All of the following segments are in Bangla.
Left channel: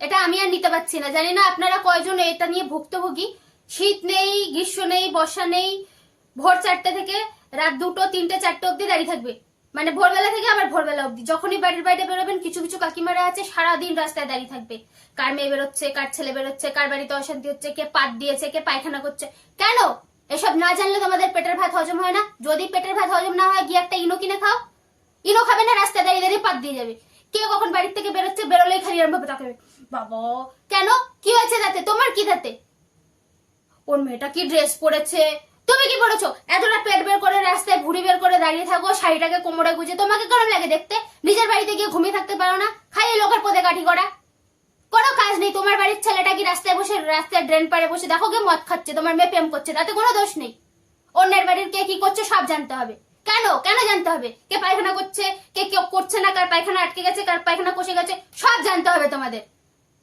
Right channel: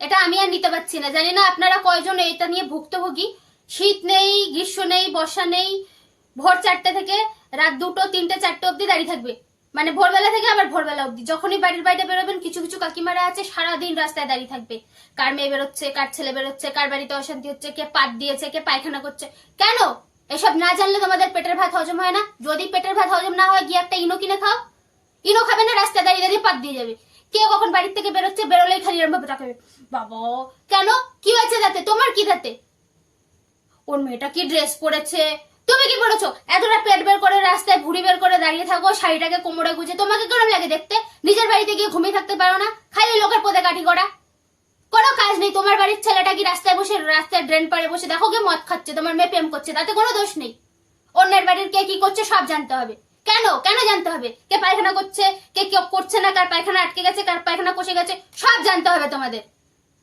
এটা আমি আর নিতে পারছি না। জানি না আপনারা কয়জন এটা নিয়ে ভুক্তভোগী। শীত নেই, গ্রীষ্ম নেই, বর্ষা নেই, ভোর 4টে থেকে রাত 2টো 3টে 4টে অব্দি দাঁড়িয়ে থাকবে। মানে ভোরবেলা থেকে আবার ভোরবেলা অব্দি। যখনই বাড়ির বাইরে বেরোবেন, কিছু কিছু কাকিমারা আছে সারাদিন রাস্তায় দাঁড়িয়ে থাকবে। কার মেয়ে বেরোচ্ছে, কার ছেলে বেরোচ্ছে, কার বাড়িতে অশান্তি হচ্ছে, কে পাট দিয়েছে, কে পায়খানা করছে। কেন? এসব না জানলে তোমাদের পেটের ভাত হজম হয় না? যদি পেটের ভাত হজম না হয়, গিয়ে একটা ইনো কিনে খাও। ইনো খাবে না, রাস্তায় দাঁড়িয়ে দাঁড়িয়ে পাট দিয়ে যাবে। কে কখন বাড়ির থেকে বেরোচ্ছে, বেরোলেই খালি এরম ভাবে তাকাবে। বাবা, কেন? কি হয়েছে তাতে? তোমার কি তাতে? ওর মেয়েটা কি ড্রেস পরেছে, তুমি কি পরেছো? এতটা পেট বের করে রাস্তায় ভুড়ি বের করে দাঁড়িয়ে থাকো, শাড়িটাকে কোমরে গুজে, তোমাকে কেমন লাগে দেখতে? নিজের বাড়িতে গিয়ে ঘুমিয়ে থাকতে পারো না? খাই লোকের পদে কাঠি করা, কোনো কাজ নেই। তোমার বাড়ির ছেলেটা কি রাস্তায় বসে, রাস্তায় ড্রেন পাড়ে বসে দেখো কে মদ খাচ্ছে, তোমার মেয়ে প্রেম করছে, তাতে কোনো দোষ নেই। অন্যের বাড়ির কে কি করছে সব জানতে হবে। কেন কেন জানতে হবে? কে পায়খানা করছে, কে কেউ করছে না, কার পায়খানা আটকে গেছে, কার পায়খানা কষে গেছে, সব জানতে হবে তোমাদের।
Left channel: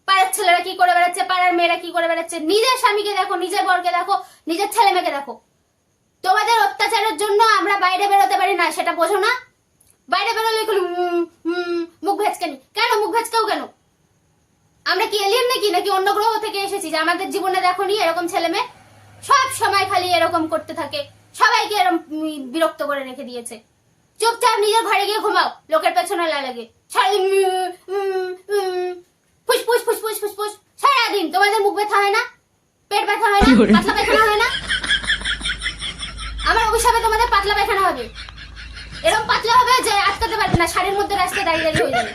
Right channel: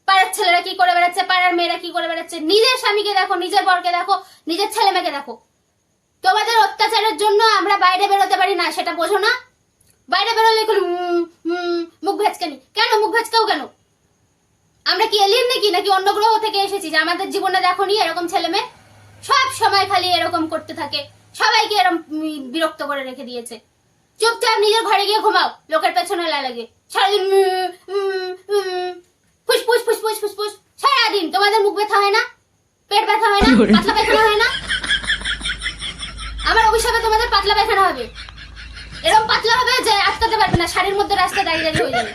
পাড়ার ছেলেরা কি করে বেড়াচ্ছে, পাড়ার মেয়েরা কি করে বেড়াচ্ছে, নিজের স্বামীকে দেখো, নিজের বরকে দেখো, নিজের ছেলে মেয়েকে দেখো। তোমাদের অত্যাচারের জন্য আমরা বাইরে বেরোতে পারি না, সেটা বোঝো না? বাইরে বেরোলে মুখ ভেজকানি। কেন মুখ ভেজকাও কেন? আমরা কি এলিয়েন নাকি অন্য গ্রহ থেকে এসেছি যে আমাদের জীবনে দেখো নি এরকম ছেলে মেয়ে? সব সময় খালি এরকম করতে থাকে, সবাইকে এরকম বিরক্ত করে রেখে দিয়েছে। চুপচাপ নিজের ঘরে গিয়ে ঘুমাও, লোকের পেছনে লাগে। সারাদিন ফুসফুস ফুসফুস ফুসফুস সারাদিন। তোমাদের মুখ ব্যথা হয় না? পেট ব্যথা হয় না? পাতলা পায়খানা হয় না? আমার অভিশাপে তোমাদের পাতলা পায়খানা হবে। এরকম পাতলা হবে যে আটকাতে পারবে না, শাড়ির মধ্যে রাস্তায় দাঁড়িয়ে হয়ে যাবে।